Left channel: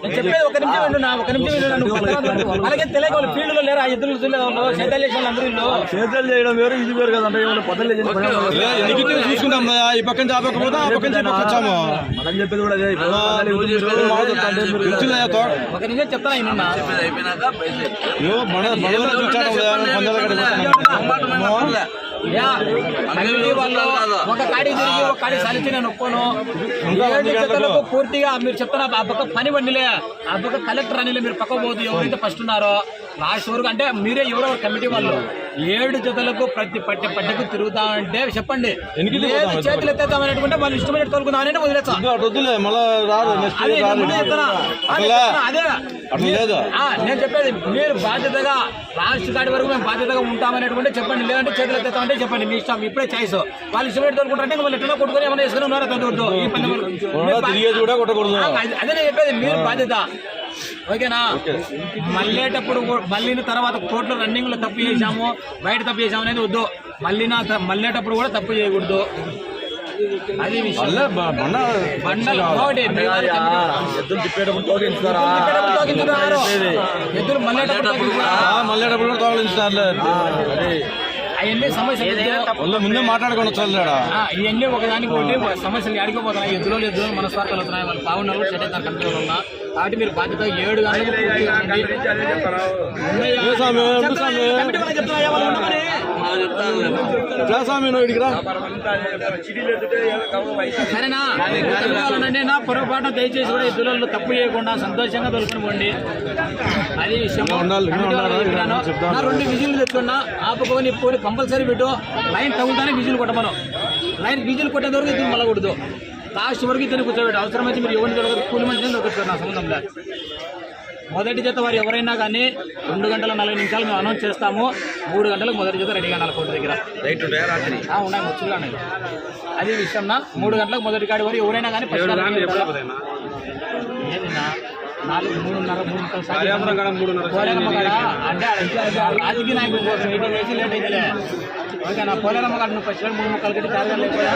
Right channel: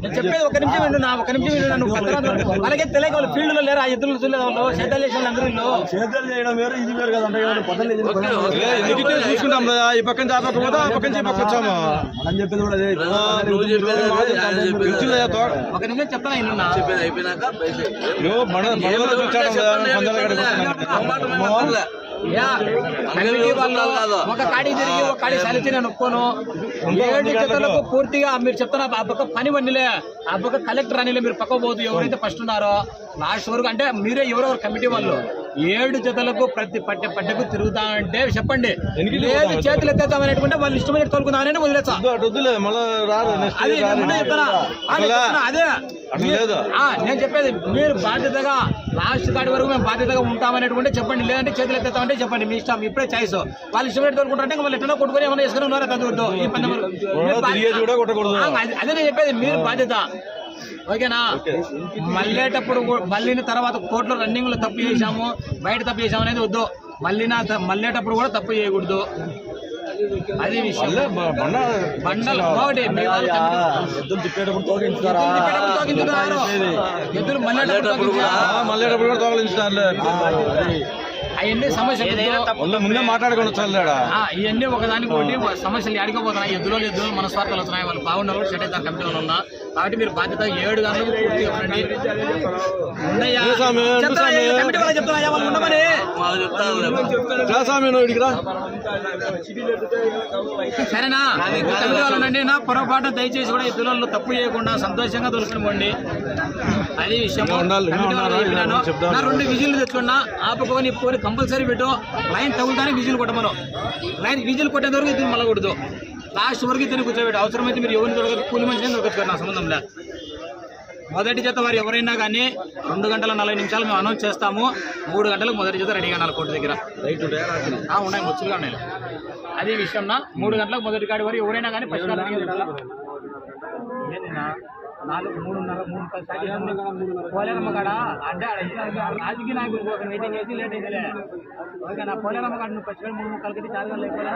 నేను చెప్పేది ఒక నిమిషం విను నా ఒక నిమిషం విను నువ్వు పక్కన అలాగే తెలియక వాళ్ళు ఫీల్డ్లో లేరు ఆ ఎద్దులు చూడలేదు వాళ్ళు చేసిన అందరూ. చేతులు చేయడం వేరు ఇది వేరు కదంటే చూసుకుంటాం ఆ పక్క పోతే ఆ పక్క వచ్చాము. మనం చెప్పేది కూడా అదే. ఒక నిమిషం చెప్తాను మన మనలో పందాల కమిటీ వాళ్ళు ఒక కాడి తిరిగి ఒక కాడి సలిచి నేను ఒప్పుకోను ఏడు జతలకు పూర్తిగా మీరు చెప్తున్న ఆ పక్క పని వండిలే. ఆ పక్క కలెక్టర్ అనిలే మీరు పక్క పోదు. ఎవరైతే ఫస్ట్ ఉన్నారో లాస్ట్ వరకు అంటే మీరే ఎవరో కమిటీ వాళ్ళు. ఏడు జతలకు ప్రతి పట్టె పట్టెకు తిరుగుతామంటే చెప్పండి. లేదు చేతులు ఎత్తేద్దామనేటువంటి వాళ్ళు ఇష్టమైన తోలుకుందామని వదిలేస్తా. అదే నేను చెప్పేది మీరు బాధ్యతగా లాస్ట్ కాడి వరకు మేము బాధ్యతగా ఉంటామనేటువంటి చెప్పండి. లేదంటే చేతులు ఎత్తేస్తామంటే చెప్పండి. మీ ఇష్టం ఇప్పుడే చాయిస్. వాళ్ళు ఇష్టం పెట్టి తోలుకుంటారంటే వాళ్ళు ఎట్లా కొట్టుకొని ఏమైనా వేసుకుని ఉన్నారా తగ్గొద్దు ఈ అదే- అదే నేను చెప్పేది మీరు బాధ్యత. ఓకేనా? మళ్ళేటప్పుడు మళ్ళీని తర్వాత కోర్టులో రన్నింగ్లో తప్పు చేశాము బయట తప్పు చేశాము అనేది వద్దు. మళ్ళీ మళ్ళేటప్పుడు కూడా తప్పు చేయకూడదు. అది విషయం. బండలు ఒకటి మీ వాళ్ళు ఎద్దులు తిప్పేటప్పుడు తోగించుతారా ఎద్దులు మళ్ళేటప్పుడు మళ్ళేటప్పుడు కూడా అవన్నీ సమస్యలు ముందే మాట్లాడుకొని వచ్చాడు ఆ, ఇవన్నీ ఒకదానికి ఒకటి సమస్యలు అడిగిపోతున్నాయి ఎద్దులో లేదు మన స్వార్థాలు వస్తున్నాయి వాళ్ళు బాగున్నారు సెట్ అవుతారు కంపెనీలో ఉన్నా. కాబట్టి మీరు బాధ్యత ఏడు గంటలకు పూర్తిగా సరేనా? నా పొరపాటు దయచేసి కూడా ఎద్దులలో తప్పు చేయకుండా సంతోషంగా దొరుకుని పోండి అది విషయం. నా రెండు విజిల్లు తెచ్చుకున్నా ఆపుకొని పోని కంపల్సరీ పెట్టు. లైన్ తగులుతానే విజిల్ కొట్టమను. లైన్ విజిల్ కొట్టేంత వరకు ఇద్దరు మళ్ళీ లాస్ట్ వరకు ఇద్దరు కూర్చోబెట్టు. అవసరమైతే మీరు ఎవరిని దొరకదు కూలి మనిషిని దొరకదు నా సంబంధంలో మొదటి జత వారు ఎవరైనా కానీ రెండు గంటల నలభై నిమిషాలు మేము అనౌన్స్ చేస్తాము. మూడు గంటలకు మొదటి జత రెడీగా ఉండాలి కోర్టు దగ్గర. ఆ, ఉన్నాయి ముచ్చులుగా ఉన్నాయి. అది విషయం నా మూడు గంటలకు మొదటి కాడి వరకు ఎవరైనా కానీ? నాలుగు మూడున్నర మూడు పోలేరమ్మ కాడ అంటే రాజకీయ నాయకుల కోసం మీటింగ్ చేసి లేట్ అయిందిలే ఓకే నా పోలేరమ్మ కాడ నువ్వు ఫస్ట్ మూడు ముక్కలు కట్టి లేకపోయా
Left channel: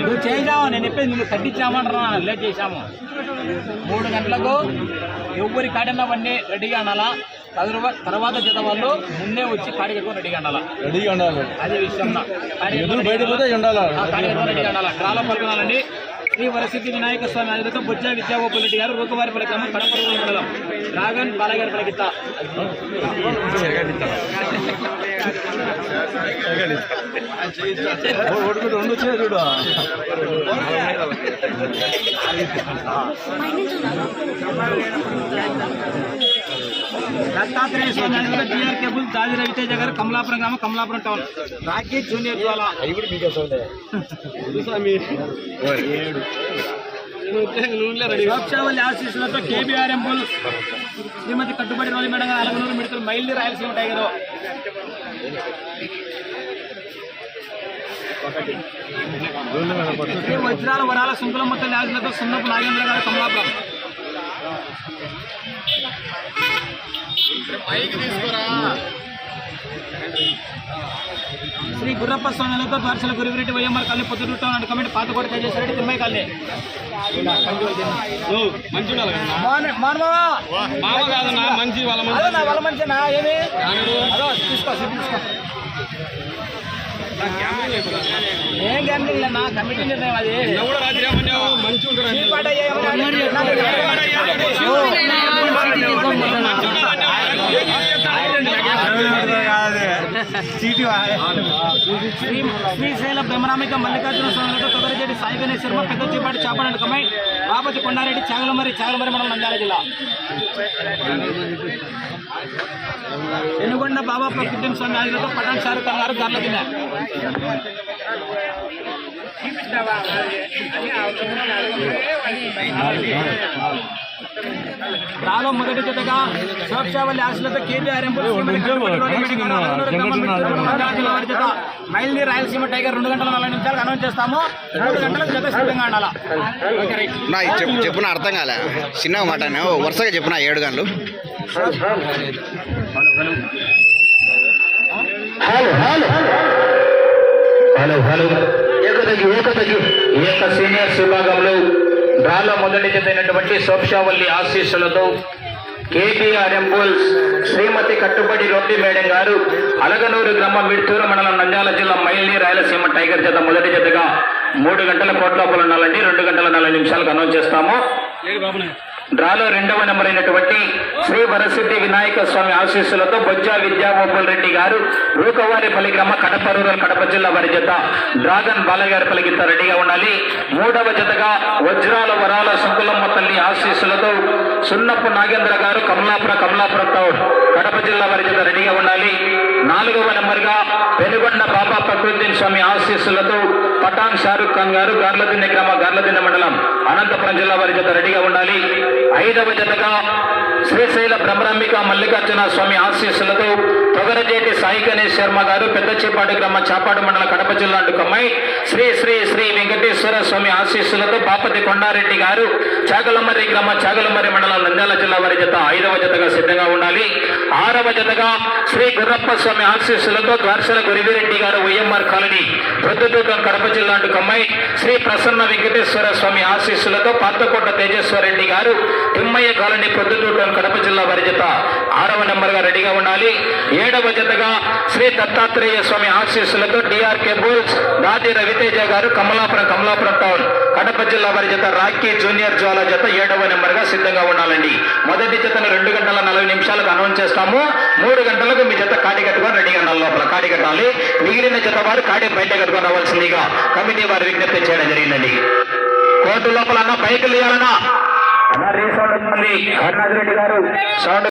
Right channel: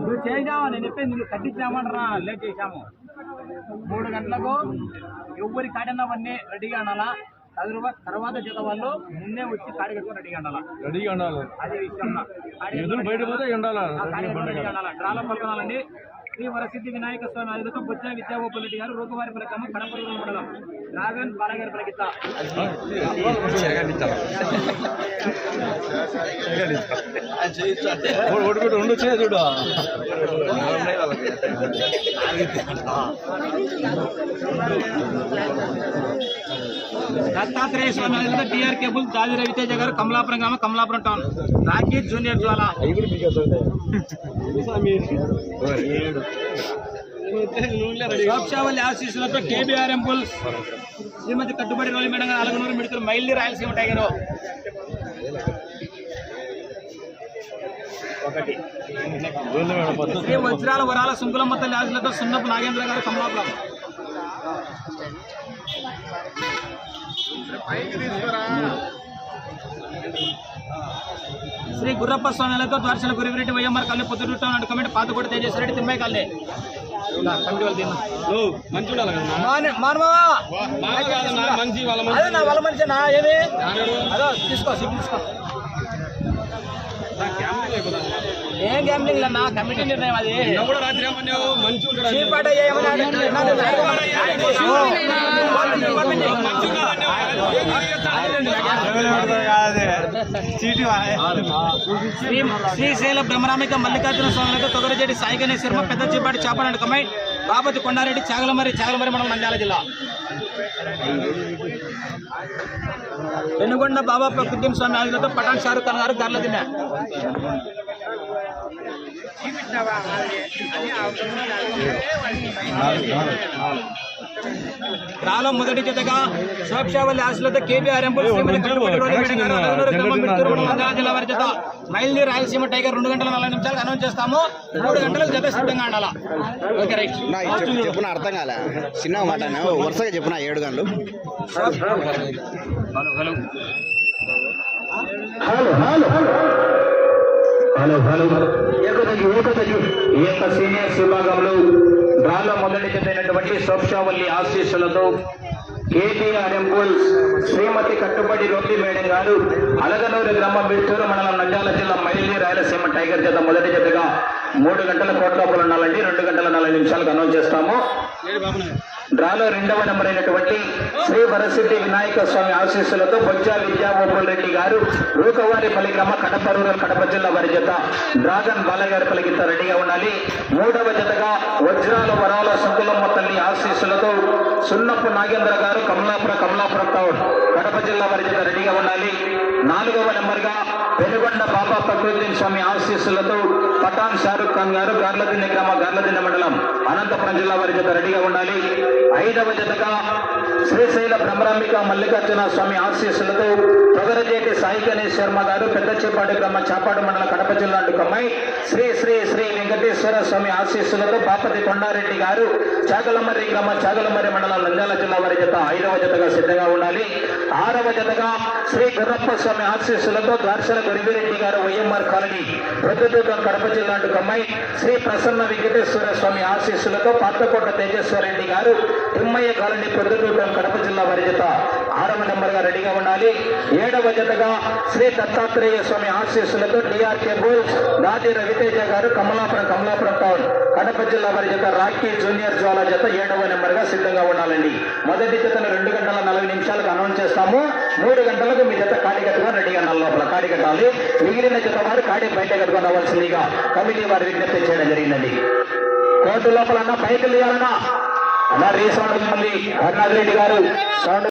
నువ్వు చేసావు నేను చెప్పేది నువ్వు కట్టించామంటారా లేట్ చేశాము. మూడు గంటలకు ఎవరి కాడినవన్నీ రెడీగా అనాలా తర్వాత జత వాళ్ళు ముందే వచ్చి కాడి కట్టుకొని రెడీగా అనాలా రెడీగా ఉండాలి అదే విషయం రెడీగా ఉండాలి డ్రాలో పాల్గొనాలండి శ్రీ వరసిద్ధి వినాయక స్వామి ఆధ్వర్యంలో బొజ్జ విద్యాగోపాల్ రెడ్డి గారు రూకవారి పలకమ్మ కడపరుగు మండలం రాగన్ బాలగారి వచ్చినాయి చూడు దత్తాత్రేయ స్వామి ఆధ్వర్యంలో టీఆర్ కేబుల్ దాది రవితేజ గారు కమలాపురం గ్రామం కమలాపురం టౌన్. రాకేష్ జూనియర్ జ్వాల. లోక్షావల్లి ఆశీస్సులతో కేబీఆర్ ఎంపుల్ శ్రీమతి కట్టుబడి రోలి మేడం గారు అలగనూరు మిడతలు మైల్లి రాయలసీమ టైగర్. శ్రీ వజ్రాల వరాల సుంకులమ్మ తల్లి ఆశీస్సులతో సున్నపు నాగేంద్ర గారు కమలాపురం శ్రీ గుర్రప్ప స్వామిలతో ద్వారశల గురివిరెడ్డి వైఎంఆర్ కళ్ళు పొద్దుటం నాడు కమిటీ పాతకోట తేజేశ్వరెడ్డి తిమ్మాయి కల్లే మానవా? మంచి వాళ్ళ అదో తీసుకో తీసుకో. ఏం గ్యామ్లింగ్ నా కమిటీ నిర్ణయం అది? చీపాట శ్రీశైల బ్రహ్మరామిక మల్లికార్జున స్వామితో తొదరజేటి సాయిగణేశ్వర శర్మ పెద్ద చీపాటి చేపడానికి కమై బాపతి కొండారెడ్డి చాగలమరి చాగలమరి మండలం నంద్యాల జిల్లా. ఎనుగొండ బాబా ప్రకృతిని స్వామి ఆదిలతో పటాన్ షారుఖ్ ఖాన్ గారు గర్ల తిన్నారు రాలో మొదటి జతగా సోక్షావల్లి ఆశలతో కేబీఆర్ జిల్లా వారి జత మైల్ని రాయలసీమ టైగర్ రెండు గంటల నలభై నిమిషాలకు అనౌన్స్ చేస్తాము. మూడు గంటలకు జత సిద్ధంగా ఉండాలా? Okay right. నా ఇది చెప్పు చెప్పున అర్థం కాలే. చిన్న మాట వరుసగా చెప్పున ఏడు గంటలు. Hello hello. ఏకతగి ఏకతగి ఏక సీనియర్స్ విభాగంలో చెందినటువంటి సోక్షావల్లి ఆశీస్సులతో కేటీఆర్ బుల్స్ శ్రీమతి కట్టుబడి రొట్టి మేడం గారు అలగనూరు గ్రామం మిడ్తూరు మండలం నంద్యాల జిల్లా మైల్ని రాయలసీమ టైగర్ జత మొదటి జతగా మూడు గంటల కోట్లోపల ఉండాలండి. రెండు గంటల నలభై నిమిషాలకు అనౌన్స్ చేస్తాము. డ్రాలో రెండవ నెంబర్ అయినటువంటి శ్రీ వరసిద్ధి వినాయక స్వామి ఆశీస్సులతో బొజ్జా విద్యాగోపాల్ రెడ్డి గారు రూకవారిపల్లి గ్రామ కడప రూరల్ కడప జిల్లా వారి జత డ్రాగన్ బాలయ్య గారి రెడీగా ఉండాలి. మూడవ జతగా వజ్రాల వరాల శంకులమ్మ తల్లి ఆశీస్సులతో సున్నపు నాగేంద్ర గారు కమలాపుర కమలాపురం టౌన్ కడప జిల్లా వారి జత రెడీగా ఉండాలి. నాలుగవ నెంబర్గా పెనుగొండ బాబా ప్రకృతి స్వామి ఆశీస్సులతో పఠాన్ షారుఖ్ ఖాన్ గారు గార్లదిన్నె గ్రామ గార్లదిన్నె మండలం అనంతపురం జిల్లా వారి జత రెడీగా ఉండాలి. ఐదవ జతగా శ్రీశైల బ్రహ్మరాంబిక మల్లికార్జున స్వామి ఆశీస్సులతో తొగరజేటి సాయి గణేష్ శర్మ గారు పెద్దచేపాటి గ్రామ చాపాడు మండల కడప జిల్లా కమ్మాయి శ్రీ శ్రీ శ్రీ వెంకటేశ్వర స్వామి ఆశీస్సులతో బాపతి కొండారెడ్డి గారు చాగలమర్రి గ్రామ చాగలమర్రి మండలం నంద్యాల జిల్లా వారి జత ఐదవ జతగా సిద్ధంగా ఉండాలి. ఆరవ జతగా శ్రీ గుర్రప్ప స్వామి ఆశీస్సులతో ద్వారసల గురివిరెడ్డి గారు వైఎంఆర్ కాలనీ ప్రొద్దుటూకం కడప జిల్లా కమ్మాయి శ్రీ ప్రసన్న వెంకటేశ్వర స్వామి ఆశీస్సులతో పాతకోట తేజేశ్వరరెడ్డి గారు తిమ్మయ్య కాలనీ ప్రొద్దుటూకం కడప జిల్లా వారి జత ఆరవ నెంబర్గా రెడీగా ఉండాలి. ఏడవ జతగా శ్రీ దత్తాత్రేయ స్వామి ఆశీస్సులతో డిఆర్కే బుల్స్ దాది రవితేజ గారు కమలాపురం కమలాపురం టౌన్. కడప జిల్లా వారి జత రాకీ జూనియర్ జ్వాల జత ఏడవ నెంబర్గా సిద్ధంగా ఉండాలండి. మొదటి జతను రెండు గంటల నలభై నిమిషాలకు అనౌన్స్ చేస్తాము. మూడు గంటలకు మీ జత కాడి కట్టుకొని రెడీగా ఉండాలి. లోపల కాడి కట్టాలి. మిగిలిన జత వారు కాడి బయట కట్టుకొని రావాల్సిందిగా కమిటీ వారు విజ్ఞప్తి చేయడం జరిగిందండి. కోర్టు లోపల అన్న పైకి లేయాలన్నా. అన్న రీసౌండ్ ఉంది అరుణాథ్ రెడ్డి గారు. సౌండ్